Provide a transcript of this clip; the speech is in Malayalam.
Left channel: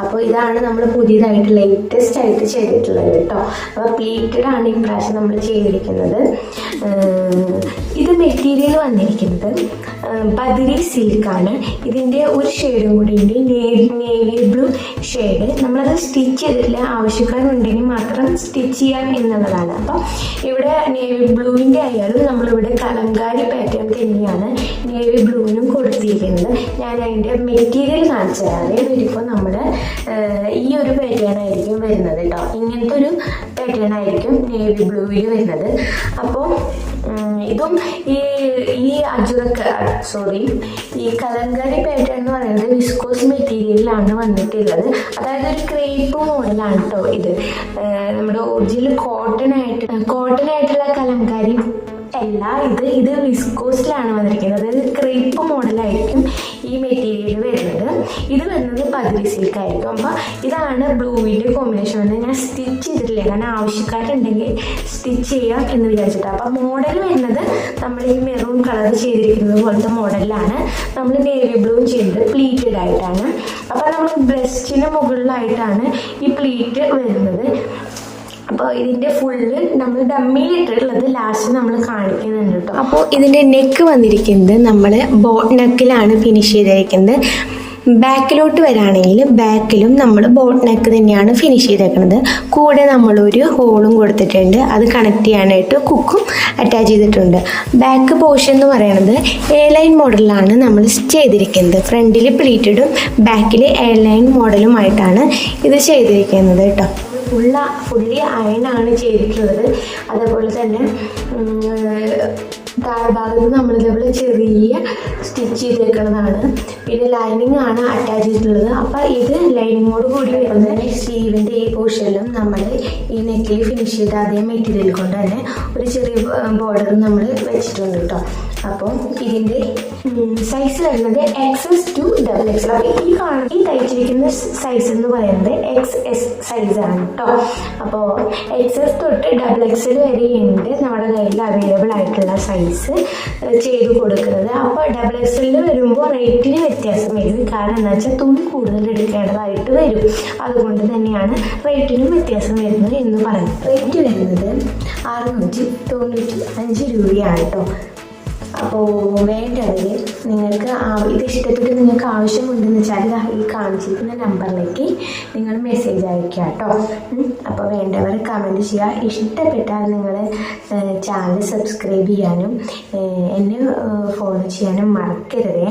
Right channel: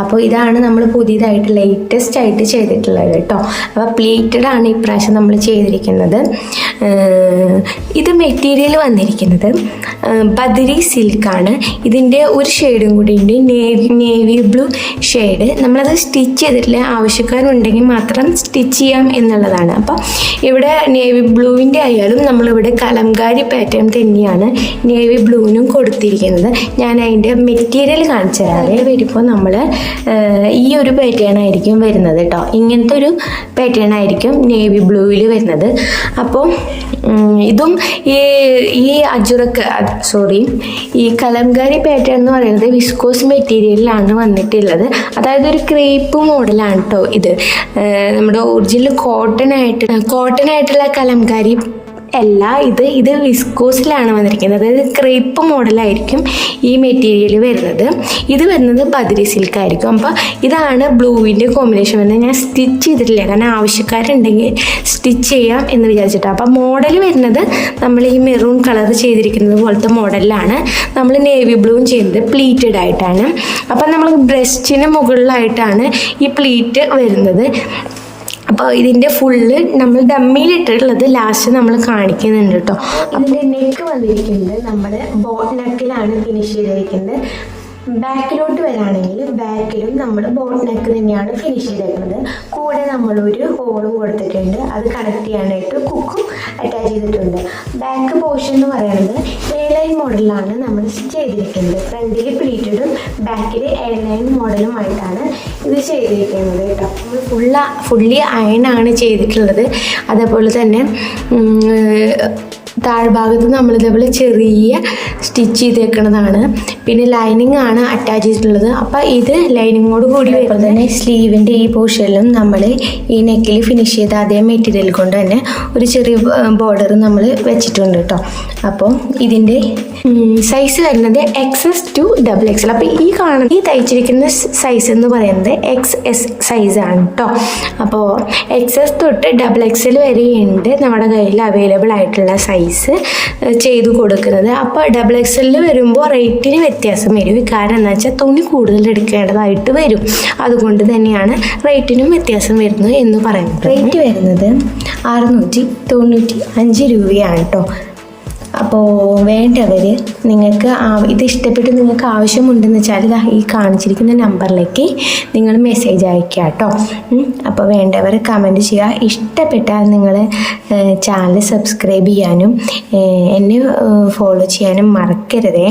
അപ്പോൾ ഇതാണ് നമ്മൾ പുതിയതായിട്ട് ലേറ്റസ്റ്റ് ആയിട്ട് ചെയ്തിട്ടുള്ളത് കേട്ടോ അപ്പോൾ പ്ലേറ്റഡ് ആണ് ഇപ്രാവശ്യം നമ്മൾ ചെയ്തിരിക്കുന്നത്. ഇത് മെറ്റീരിയൽ വന്നിരിക്കുന്നത് ബദരി സിൽക്കാണ് ഇതിന്റെ ഒരു ഷെയ്ഡും കൂടി ഉണ്ട്. നേവി ബ്ലൂ ഷെയ്ഡ് നമ്മളത് സ്റ്റിച്ച് ചെയ്തിട്ടില്ല. ആവശ്യക്കാരുണ്ടെങ്കിൽ മാത്രം സ്റ്റിച്ച് ചെയ്യാം എന്നുള്ളതാണ്. അപ്പോൾ ഇവിടെ നേവി ബ്ലൂവിന്റെ ആയാലും നമ്മളിവിടെ കലംകാരി പാറ്റേൺ തന്നെയാണ് നേവി ബ്ലൂവിനും കൊടുത്തിരിക്കുന്നത്. ഞാൻ അതിന്റെ മെറ്റീരിയൽ കാണിച്ചു തരാവേ വരുമ്പോൾ നമ്മൾ ഈ ഒരു പാറ്റേൺ ആയിരിക്കും വരുന്നത് കേട്ടോ ഇങ്ങനത്തെ ഒരു പാറ്റേൺ ആയിരിക്കും നേവി ബ്ലൂവിൽ വരുന്നത്. അപ്പോൾ ഇതും ഈ ഈ അജുറക്ക് സോറി ഈ കലംകാരി പാറ്റേൺ എന്ന് പറയുന്നത് വിസ്കോസ് മെറ്റീരിയലിലാണ് വന്നിട്ടുള്ളത്. അതായത് ഒരു ക്രേപ്പ് മോഡലാണ് കേട്ടോ ഇത്. നമ്മുടെ ഒറിജിനൽ കോട്ടൺ ആയിട്ട് കോട്ടൺ ആയിട്ടുള്ള കലംകാരി അല്ല ഇത് ഇത് വിസ്കോസിലാണ് വന്നിരിക്കുന്നത്. അതായത് ക്രേപ്പ് മോഡലായിരിക്കും ഈ മെറ്റീരിയൽ വരുന്നത്. ഇത് വരുന്നത് പതിരി സിൽക്ക് ആയിരിക്കും. അപ്പോൾ ഇതാണ് ബ്ലൂവിന്റെ കോമ്പിനേഷൻ വരുന്നത്. ഞാൻ സ്റ്റിച്ച് ചെയ്തിട്ടില്ല. കാരണം ആവശ്യക്കാരുണ്ടെങ്കിൽ സ്റ്റിച്ച് ചെയ്യാം എന്ന് വിചാരിച്ചിട്ടാണ് അപ്പോൾ മോഡൽ വരുന്നത് നമ്മൾ ഈ മെറൂൺ കളർ ചെയ്തിരിക്കുന്നത് പോലത്തെ മോഡലിലാണ് നമ്മൾ നേവി ബ്ലൂവും ചെയ്യുന്നത് പ്ലീറ്റഡ് ആയിട്ടാണ്. അപ്പം നമ്മൾ ബ്രസ്റ്റിന് മുകളിലായിട്ടാണ് ഈ പ്ലീറ്റ് വരുന്നത്. അപ്പോൾ ഇതിന്റെ ഫുള്ള് നമ്മൾ ഡമ്മിയിലിട്ടിട്ടുള്ളത് ലാസ്റ്റ് നമ്മൾ കാണിക്കുന്നുണ്ട് കേട്ടോ ഇതിന്റെ നെക്ക് വന്നിരിക്കുന്നത് നമ്മൾ ബോട്ട് നെക്കിലാണ് ഫിനിഷ് ചെയ്തിരിക്കുന്നത്. ബാക്കിലോട്ട് വരാണെങ്കിൽ ബാക്കിലും നമ്മൾ ബോട്ട് നെക്ക് തന്നെയാണ് ഫിനിഷ് ചെയ്തേക്കുന്നത് കൂടെ നമ്മളൊരു ഹോളും കൊടുത്തിട്ടുണ്ട്. അത് കണക്ട് ചെയ്യാനായിട്ട് കുക്കും അറ്റാച്ച് ചെയ്തിട്ടുണ്ട്. ബാക്ക് പോർഷൻ എന്ന് പറയുന്നത് എ ലൈൻ മോഡലിലാണ് നമ്മൾ ചെയ്തിരിക്കുന്നത്. ഫ്രണ്ടിൽ പ്ലീറ്റഡും ബാക്കിൽ എ ലൈൻ മോഡലുമായിട്ടാണ് ഇത് ചെയ്തിരിക്കുന്നത് കേട്ടോ. ഫുള്ള ഫുള്ളി അയണാണ് ചെയ്തിട്ടുള്ളത്. അതേപോലെ തന്നെ താഴ്ഭാഗത്ത് നമ്മൾ ഇതേപോലെ ചെറിയ സ്റ്റിച്ച് ചെയ്തേക്കുന്നതാണ് പിന്നെ ലൈനിങ് ആണ് അറ്റാച്ച് ചെയ്തിട്ടുള്ളത്. അപ്പം ഇത് ലൈനിങ്ങോട് കൂടി വരുമ്പോൾ തന്നെ സ്ലീവിന്റെ ഈ പോർഷനിലും നമ്മൾ ഈ നെക്കിൽ ഫിനിഷ് ചെയ്ത അതേ മെറ്റീരിയൽ കൊണ്ട് തന്നെ ഒരു ചെറിയ ബോർഡർ നമ്മൾ വെച്ചിട്ടുണ്ട് കേട്ടോ അപ്പോൾ ഇതിന്റെ സൈസ് വരുന്നത് X S to double X അപ്പോൾ ഈ കാണുന്ന ഈ തയ്ച്ചിരിക്കുന്ന സൈസ് എന്ന് പറയുന്നത് എക്സ് എസ് സൈസ് ആണ് കേട്ടോ അപ്പോൾ എക്സ് എസ് തൊട്ട് ഡബിൾ എക്സൽ വരെയുണ്ട് നമ്മുടെ കയ്യിൽ അവൈലബിൾ ആയിട്ടുള്ള സൈസ് ചെയ്തു കൊടുക്കുന്നത്. അപ്പോൾ ഡബിൾ എക്സിൽ വരുമ്പോൾ റേറ്റിന് വ്യത്യാസം വരും. കാരണം എന്താ വെച്ചാൽ തുണി കൂടുതൽ എടുക്കേണ്ടതായിട്ട് വരും. അതുകൊണ്ട് തന്നെയാണ് റേറ്റിനും വ്യത്യാസം വരുന്നത് എന്ന് പറയുന്നത്. റേറ്റ് വരുന്നത് അറുന്നൂറ്റി തൊണ്ണൂറ്റി അഞ്ച് രൂപയാണ് കേട്ടോ അപ്പോൾ വേണ്ടവർ നിങ്ങൾക്ക് ഇത് ഇഷ്ടപ്പെട്ട് നിങ്ങൾക്ക് ആവശ്യമുണ്ടെന്ന് വെച്ചാൽ ഈ കാണിച്ചിരിക്കുന്ന നമ്പറിലേക്ക് നിങ്ങൾ മെസ്സേജ് അയക്കുക കേട്ടോ. അപ്പോൾ വേണ്ടവർ കമന്റ് ചെയ്യുക. ഇഷ്ടപ്പെട്ടാൽ നിങ്ങൾ ചാനൽ സബ്സ്ക്രൈബ് ചെയ്യാനും എന്നെ ഫോളോ ചെയ്യാനും മറക്കരുതേ.